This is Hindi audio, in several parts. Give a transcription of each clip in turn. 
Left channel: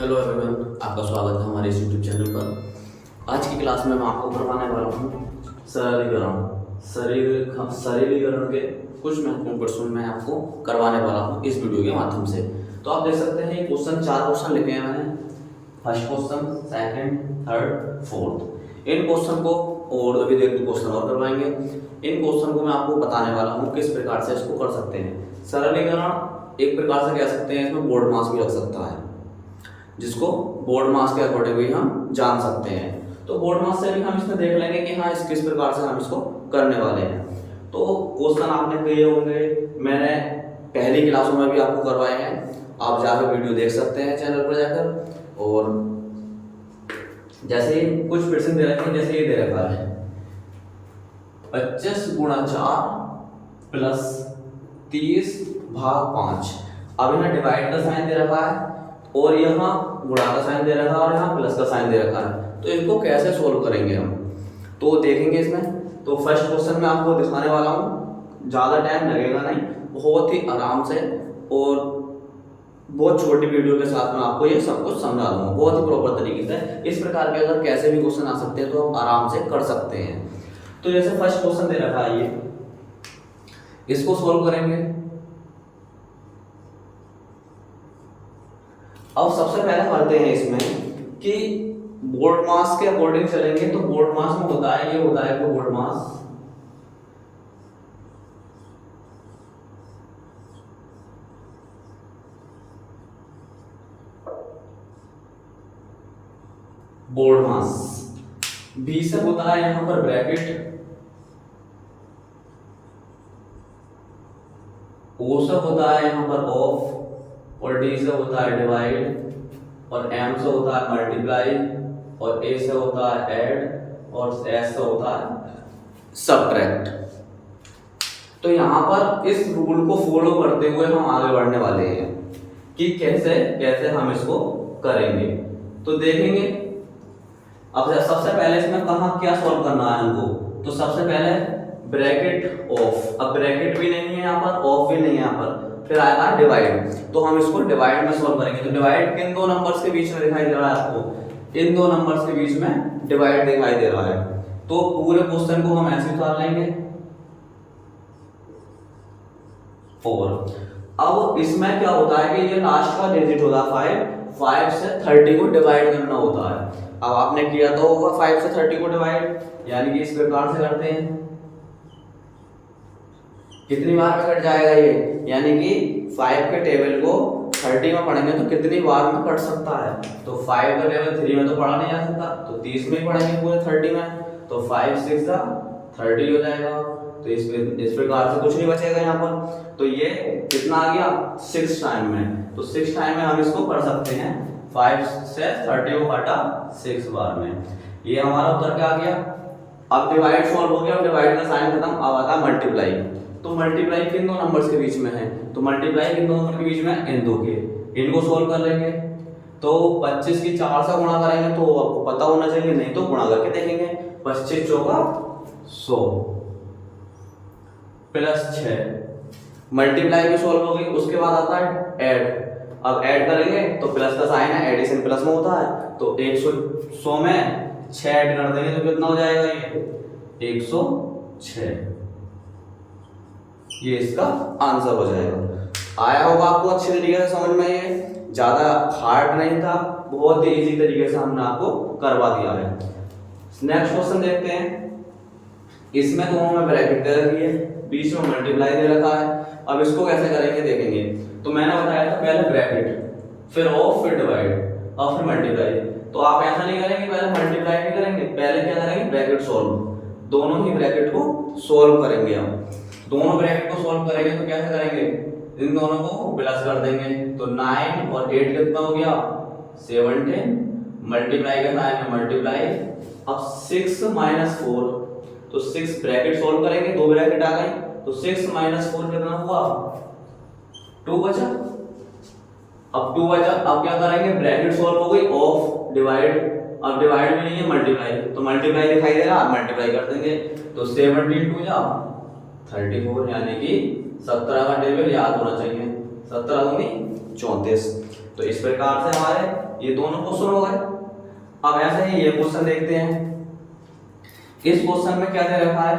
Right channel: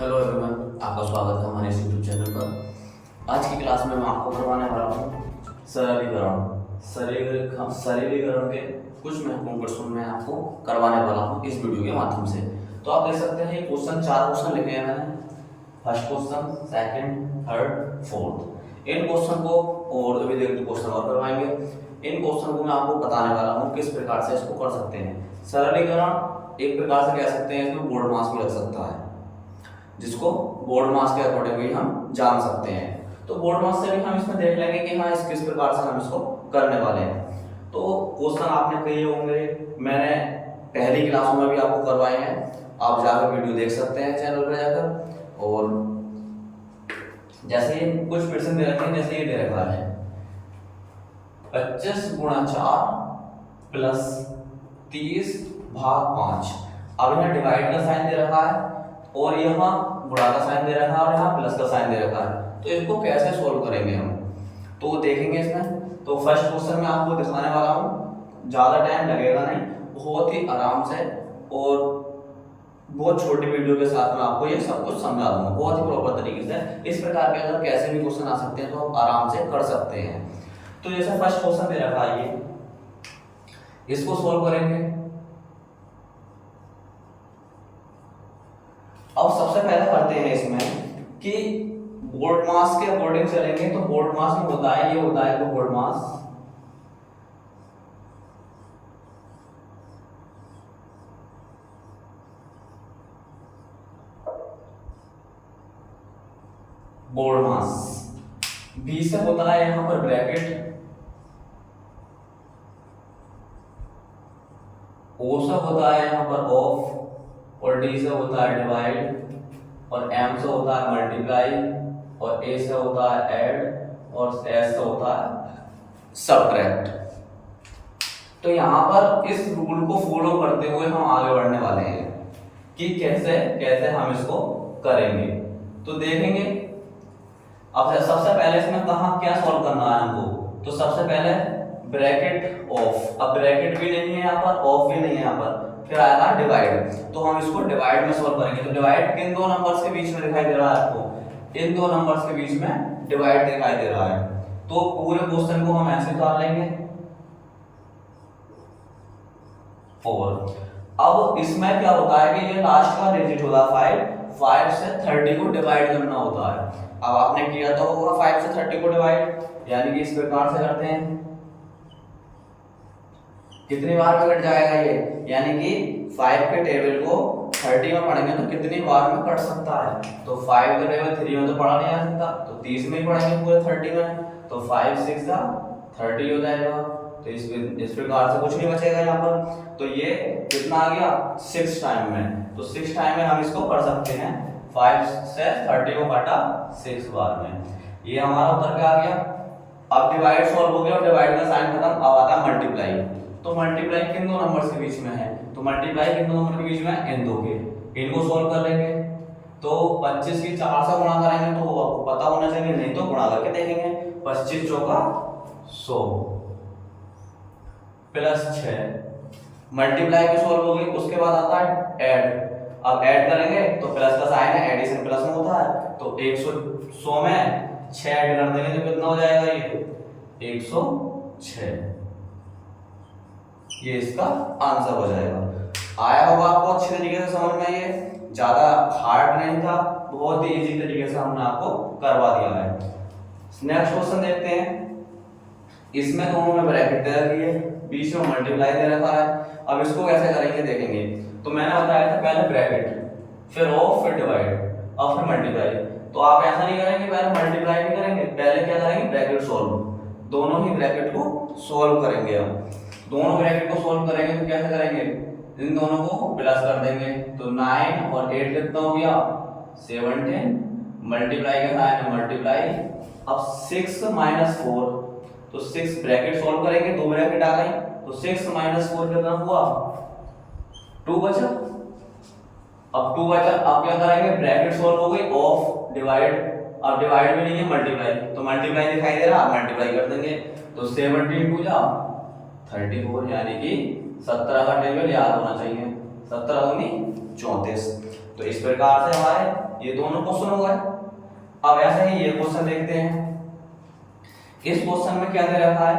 हेलो एवरीवन, आपका स्वागत है हमारे इस यूट्यूब चैनल पर। आज की क्लास में मैं आपको करवाने वाला हूँ सरलीकरण के कुछ महत्वपूर्ण प्रश्न मैं आपको करवाने वाला हूँ इस वीडियो के माध्यम से। तो आप देख सकते हैं क्वेश्चन, 4 क्वेश्चन लिखे हैं मैंने। First question, second, third, fourth. इन क्वेश्चन को और अभी देख क्वेश्चन और करवाएंगे। इन क्वेश्चन को मैं आपको बताने वाला हूँ किस प्रकार से इसको कर सकते हैं। सरलीकरण एक प्रकार से कह सकते हैं, इसमें बोर्ड मास भी लग सकता है, जिसको बोर्ड मास के अकॉर्डिंग भी हम जान सकते हैं। तो बोर्ड मास से भी हम इसमें देख लेंगे कि हाँ इस किस प्रकार से हम इसको करने वाले हैं। तो क्वेश्चन आपने किए होंगे, मैंने पहली क्लासों में भी आपको करवाए हैं। आप जाकर वीडियो देख सकते हैं चैनल पर जाकर। और जैसे कुछ प्रश्न दे रखे हैं, जैसे ये दे रखा है 25 गुणा 4 प्लस 30 भाग 5। अब यहाँ डिवाइड का साइन दे रखा है और यहाँ गुणा का साइन दे रखा है और यहाँ प्लस का साइन दे रखा है। तो इसको कैसे सोल्व करेंगे हम, तो देखेंगे इसमें। तो फर्स्ट क्वेश्चन मैं आपको दिखाने वाला हूँ, ज़्यादा टाइम लगेगा नहीं, बहुत ही आराम से और बहुत छोटी वीडियो के साथ में आपको ये सब कुछ समझा दूंगा बहुत ही प्रॉपर तरीके से। इस प्रकार के अगर कैसे भी क्वेश्चन आ सकते हैं तो आप आराम से कर सकते हैं। तो जैसे फर्स्ट क्वेश्चन दे रखा है, ये इसको सोल्व करेंगे। अब सबसे पहले पढ़ते हैं इसमें कि बोर्ड मास के अकॉर्डिंग चलेंगे। तो बोर्ड मास में होता है, ये होता है बोर्ड मास, बोर्ड मास। बी से होता है यहां पर ब्रैकेट, ओ से होता है यहां पर ऑफ, और डी से होता है डिवाइड, और एम से होता है मल्टीप्लाई, और ए से होता है ऐड, और एस से होता है सबट्रैक्ट। तो यहाँ पर इस रूल को फॉलो करते हुए हम आगे बढ़ने वाले हैं कि कैसे कैसे हम इसको करेंगे। तो देखेंगे। अब सबसे पहले इसमें कहाँ क्या सॉल्व करना है हमको, तो सबसे पहले ब्रैकेट ऑफ। अब ब्रैकेट भी नहीं है यहाँ पर, ऑफ भी नहीं है यहाँ पर, फिर आएगा डिवाइड। तो हम इसको डिवाइड में सॉल्व करेंगे। तो डिवाइड किन दो नंबर्स के बीच में दिखाई दे रहा है आपको, इन दो नंबर्स के बीच में डिवाइड दिखाई दे रहा है। तो पूरे क्वेश्चन को हम ऐसे उतार लेंगे 4। अब इसमें क्या होता है कि ये लास्ट का डिजिट होगा 5 से 30 को डिवाइड करना होता है। अब आपने किया तो होगा 5 से 30 को डिवाइड, यानी कि इस प्रकार से करते हैं। कितनी बार में कट जाएगा ये, यानी कि 5 के टेबल को 30 में पढ़ेंगे तो कितनी बार में कट सकता है। तो 5 का टेबल 3 में तो पढ़ा नहीं जा सकता, तो 30 में ही पढ़ेंगे पूरे 30 में। तो 5 6 30 हो जाएगा। तो इस प्रकार से कुछ नहीं बचेगा यहाँ पर। तो ये कितना आ गया 6 टाइम में। तो 6 टाइम में हम इसको कर सकते हैं। 5 से 30 को काटा 6 बार में, ये हमारा उत्तर क्या आ गया। अब डिवाइड सॉल्व हो गया, अब डिवाइड का साइन खत्म, अब आता है मल्टीप्लाई। तो मल्टीप्लाई किन दो नंबर्स के बीच में है, तो मल्टीप्लाई किन दो नंबर के बीच में है, इन दो के। इनको सोल्व कर लेंगे। तो 25 की 4 से गुणा करेंगे तो आपको पता होना चाहिए, नहीं तो गुणा करके देखेंगे। 25 चौका 100 प्लस 6। मल्टीप्लाई की सोल्व हो गई। उसके बाद आता है ऐड। अब ऐड करेंगे तो प्लस का साइन है, एडिशन प्लस में होता है। तो 100 में 6 ऐड कर देंगे तो कितना हो जाएगा, ये 106। ये इसका आंसर हो जाएगा। आया होगा आपको अच्छे तरीके से समझ में, ये ज्यादा हार्ड नहीं था, बहुत ही इजी तरीके से हमने आपको करवा दिया है। नेक्स्ट क्वेश्चन देखते हैं। इसमें दोनों में ब्रैकेट दे रखी है, बीच में मल्टीप्लाई दे रखा है। अब इसको कैसे करेंगे देखेंगे। तो मैंने बताया था पहले ब्रैकेट, फिर ऑफ, फिर डिवाइड और फिर मल्टीप्लाई। तो आप ऐसा नहीं करेंगे पहले मल्टीप्लाई नहीं करेंगे, पहले क्या करेंगे ब्रैकेट सॉल्व। दोनों ही ब्रैकेट को सॉल्व करेंगे हम। दोनों ब्रैकेट को सॉल्व करेंगे तो कैसे करेंगे, इन दोनों को प्लस कर देंगे। तो 9 और 8 कितना हो गया 17, मल्टीप्लाई का साइन है मल्टीप्लाई। अब 6 माइनस 4, तो 6 ब्रैकेट सॉल्व करेंगे, दो ब्रैकेट आ गई। तो 6 माइनस 4 कितना हुआ 2 बचा। अब 2 बचा, अब क्या करेंगे ब्रैकेट सॉल्व हो गई, ऑफ डिवाइड। अब डिवाइड में नहीं है मल्टीप्लाई, तो मल्टीप्लाई दिखाई दे रहा, मल्टीप्लाई कर देंगे। तो 17 2 जा 34, यानी कि 17 का टेबल याद होना चाहिए। 17 दूनी 34। तो इस प्रकार से हमारे ये दोनों क्वेश्चन हो गए। अब ऐसे ही ये क्वेश्चन देखते हैं। इस क्वेश्चन में क्या दे रखा है,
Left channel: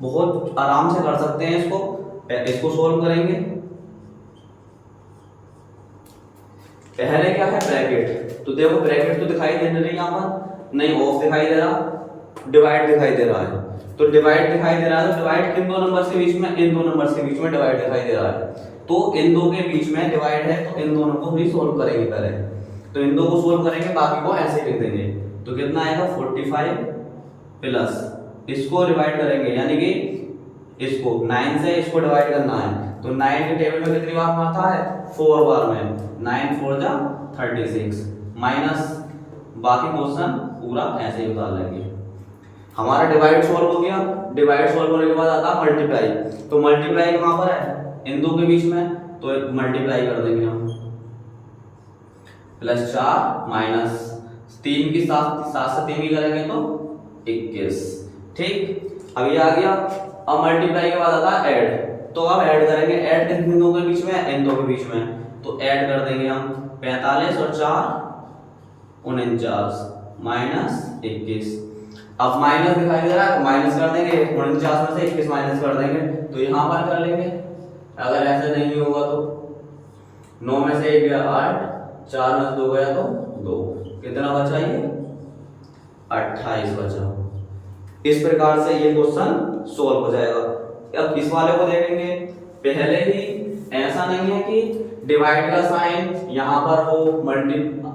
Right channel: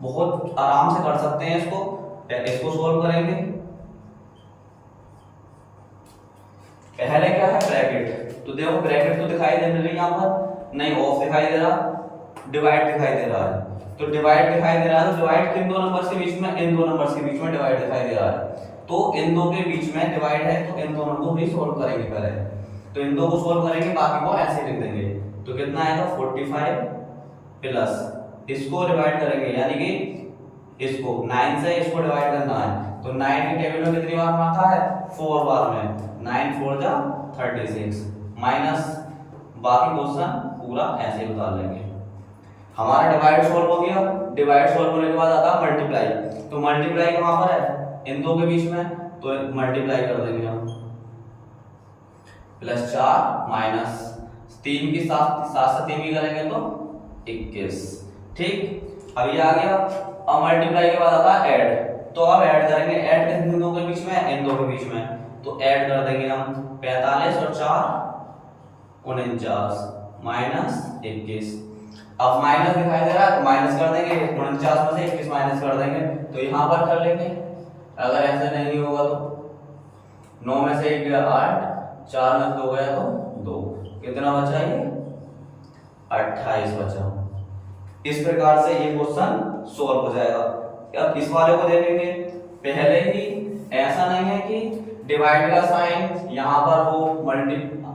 बहुत आराम से कर सकते हैं इसको सोल्व करेंगे। पहले क्या है ब्रैकेट, तो देखो ब्रैकेट तो दिखाई दे रही है यहाँ पर, नहीं ऑफ दिखाई दे रहा, डिवाइड दिखाई दे रहा है। तो डिवाइड दिखाई दे रहा है, तो डिवाइड किन दो नंबर्स के बीच में, इन दो नंबर्स के बीच में डिवाइड दिखाई दे रहा है। तो इन दो के बीच में डिवाइड है, तो इन दोनों को भी सोल्व करेंगे पहले। तो इन दो को सोल्व करेंगे, बाकी को ऐसे ही लिख देंगे। तो कितना आएगा 45 प्लस इसको डिवाइड करेंगे, यानी कि इसको 9 से इसको डिवाइड करना है। तो 9 के टेबल में कितनी बार आता है, 4 बार में, 9 4 जा 36 माइनस बाकी क्वेश्चन पूरा ऐसे ही उतार लेंगे। हमारा डिवाइड सॉल्व हो गया। डिवाइड सॉल्व होने के बाद आता है मल्टीप्लाई। तो मल्टीप्लाई कहां पर है, इन दो के बीच में, तो मल्टीप्लाई कर देंगे हम। +4 माइनस 3 की 7 से 3 की करेंगे तो 21। ठीक, अब ये आ गया। अब मल्टीप्लाई के बाद आता है ऐड। तो अब ऐड करेंगे, ऐड किन दो के बीच में, इन दो के बीच में। तो ऐड कर देंगे हम 45 और 4 49 माइनस 21। अब माइनस दिखाई दे रहा है, माइनस कर देंगे, 49 में से 21 माइनस कर देंगे। तो यहाँ पर कर लेंगे, अगर ऐसे नहीं होगा तो 9 में से 1 गया 8, 4 में से 2 गया तो 2, कितना बचा ये 28 बचा। इस प्रकार से ये क्वेश्चन सोल्व हो जाएगा। अब इस वाले को देखेंगे, पहले ही ऐसा नहीं है कि डिवाइड का साइन यहाँ पर हो,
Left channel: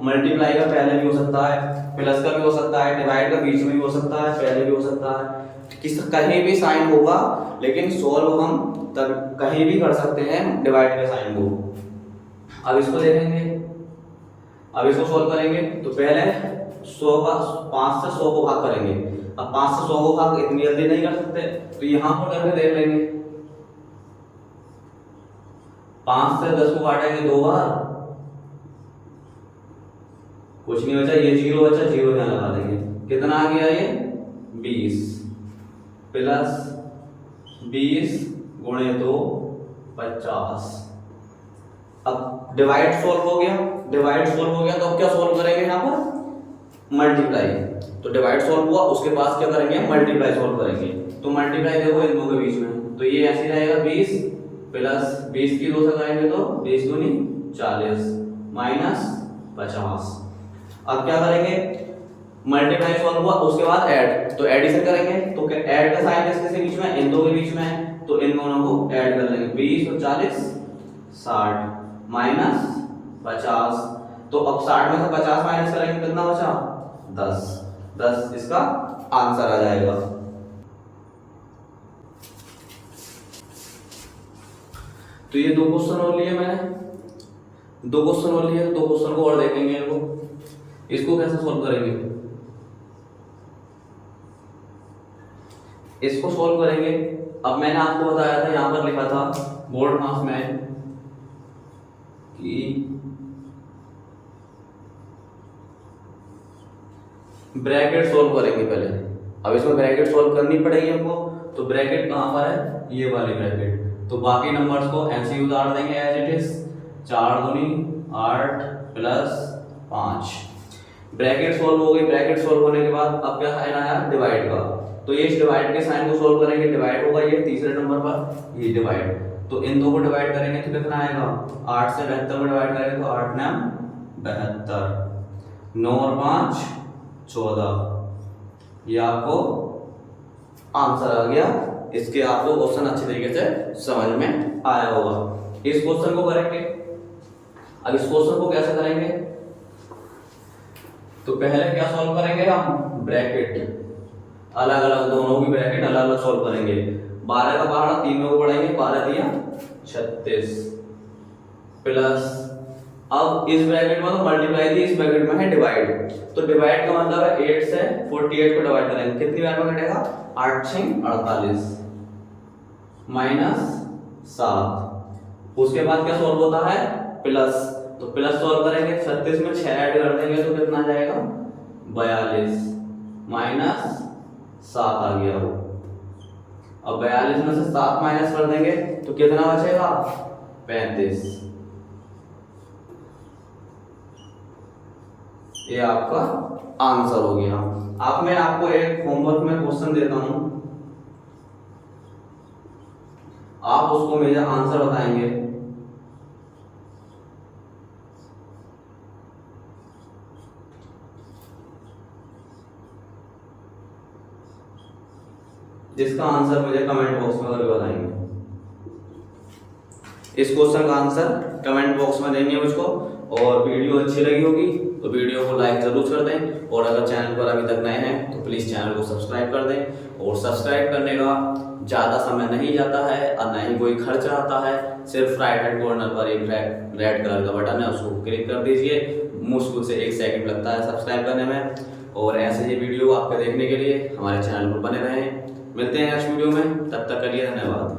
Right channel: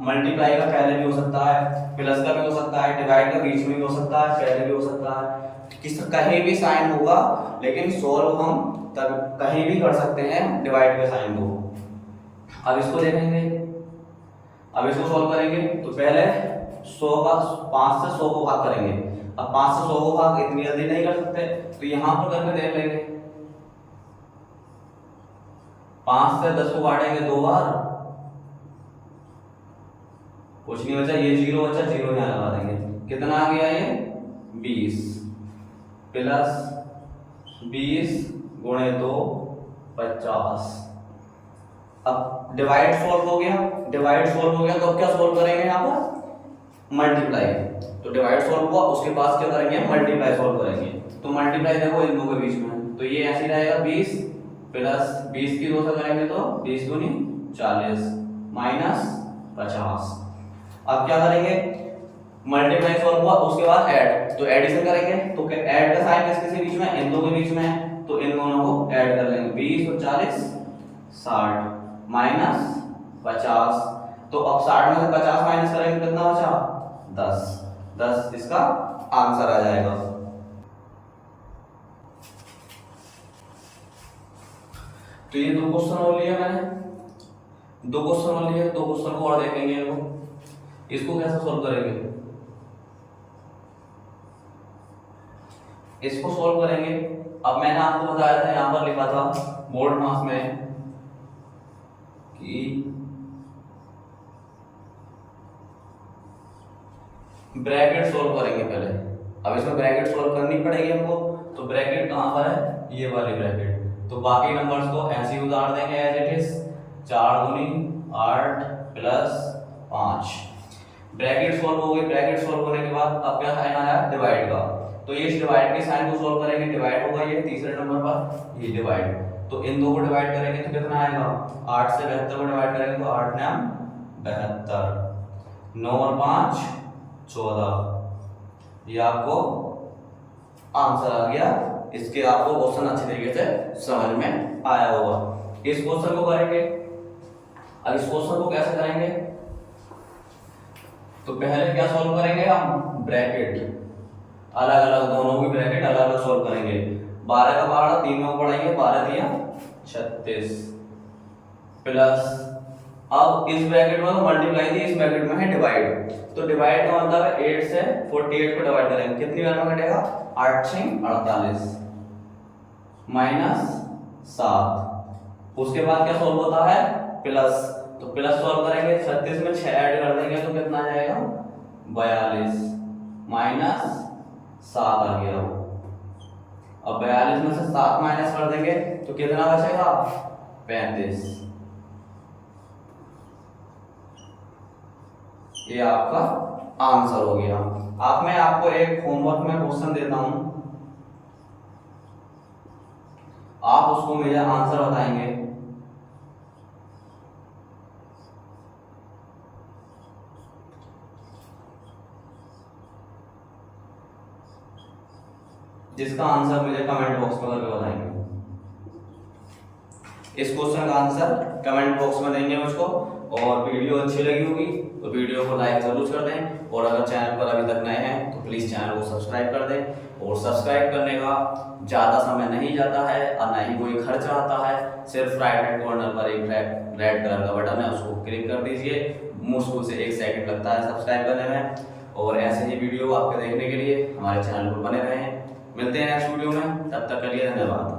मल्टीप्लाई का पहले भी हो सकता है, प्लस का भी हो सकता है, डिवाइड का बीच में भी हो सकता है, पहले भी हो सकता है, किस कहीं भी साइन होगा। लेकिन सोल्व हम तब कहीं भी कर सकते हैं डिवाइड के साइन को। अब इसको देखेंगे, अब इसको सोल्व करेंगे। तो पहले 100 का 5 से 100 को भाग करेंगे। अब 5 से 100 को भाग इतनी जल्दी नहीं कर सकते, तो यहाँ पर करके देख लेंगे। 5 से 10 को काटेंगे 2 बार, कुछ नहीं बचा, ये 0 बचा, 0 यहाँ लगा देंगे। कितना आ गया ये 20 प्लस 20 गुणे 2 50। अब डिवाइड सोल्व हो गया, डिवाइड सोल्व हो गया। तो अब क्या सोल्व करेंगे यहाँ पर, मल्टीप्लाई। तो डिवाइड सोल्व हुआ, उसके पास क्या करेंगे, मल्टीप्लाई सोल्व करेंगे। तो मल्टीप्लाई देखो इन दो के बीच में, तो ये ऐसे रहेगा 20 प्लस 20 की 2 से करेंगे तो 20 दूनी 40 माइनस 50। अब क्या करेंगे, मल्टीप्लाई सॉल्व हुआ, उसके बाद ऐड। तो एडिशन करेंगे, तो ऐड का साइन किसके बीच में, इन दो के बीच में है। तो इन दोनों को ऐड कर लेंगे, 20 और 40 60 माइनस 50। तो अब 60 में से 50 माइनस करेंगे, कितना बचा 10 इसका आंसर आ जाएगा। तो ये 2 क्वेश्चन और लिए मैंने, 2 क्वेश्चन और लिए, 2 क्वेश्चन को और देखेंगे। वो इसको कैसे सॉल्व करेंगे, इसको सॉल्व करेंगे। अब मैंने आपको बताया था, यहां पर लिखा था बोर्ड मार्क्स में कि ब्रैकेट सॉल्व करेंगे पहले। अब इसमें ब्रैकेट सॉल्व करनी पड़ेगी हमको। तो ब्रैकेट कहां पर है, ये वाली ब्रैकेट। तो बाकी नंबर्स को ऐसे ही उतार देंगे एज इट इज, 4 दूनी 8 प्लस 5। ब्रैकेट सॉल्व हो गई। ब्रैकेट सॉल्व होने के बाद अब क्या साइन आया, डिवाइड का। तो ये इस डिवाइड के साइन को सॉल्व करेंगे, डिवाइड होगा ये तीसरे नंबर पर, ये डिवाइड। तो इन दो को डिवाइड करेंगे तो कितना आएगा, 8 से 72 को डिवाइड करेंगे तो 8 9 72, 9 और 5 14। ये आपको आंसर आ गया। इसके आपको क्वेश्चन अच्छी तरीके से समझ में आया होगा। इस क्वेश्चन को करेंगे। अब इस क्वेश्चन को कैसे करेंगे, तो पहले क्या सॉल्व करेंगे हम, ब्रैकेट अलग अलग, दोनों की ब्रैकेट अलग अलग सॉल्व करेंगे। 12 का पहाड़ा 3 में को पढ़ेंगे, 12 दिया 36 प्लस, अब इस ब्रैकेट में तो मल्टीप्लाई थी, इस ब्रैकेट में है डिवाइड। तो डिवाइड का मतलब है 8 से 48 को डिवाइड करेंगे, कितनी बार में कटेगा, 8 6 48 माइनस 7। उसके बाद क्या सॉल्व होता है, प्लस। तो प्लस सॉल्व करेंगे, 36 में 6 ऐड कर देंगे तो कितना जाएगा 42 माइनस 7 आ गया वो। अब 42 में से 7 माइनस कर देंगे तो कितना बचेगा 35 ये आपका आंसर हो गया। अब मैं आपको एक होमवर्क में क्वेश्चन देता हूं, आप उसको मेरा आंसर बताएंगे। जिसका आंसर मुझे कमेंट बॉक्स में करके बताएंगे। इस क्वेश्चन का आंसर कमेंट बॉक्स में देंगे मुझको। और वीडियो अच्छी लगी होगी तो वीडियो को लाइक जरूर कर दें, और अगर चैनल पर अभी तक नए हैं तो प्लीज़ चैनल को सब्सक्राइब कर दें। और सब्सक्राइब करने का ज़्यादा समय नहीं जाता है और ना ही कोई खर्चा आता है। सिर्फ राइट हैंड कॉर्नर पर एक रेड कलर का बटन है, उसको क्लिक कर दीजिए। मुश्किल से 1 सेकंड लगता है सब्सक्राइब करने में। और ऐसे ही वीडियो आपके देखने के लिए हमारे चैनल पर बने रहें। मिलते हैं नेक्स्ट वीडियो में, तब तक के लिए धन्यवाद।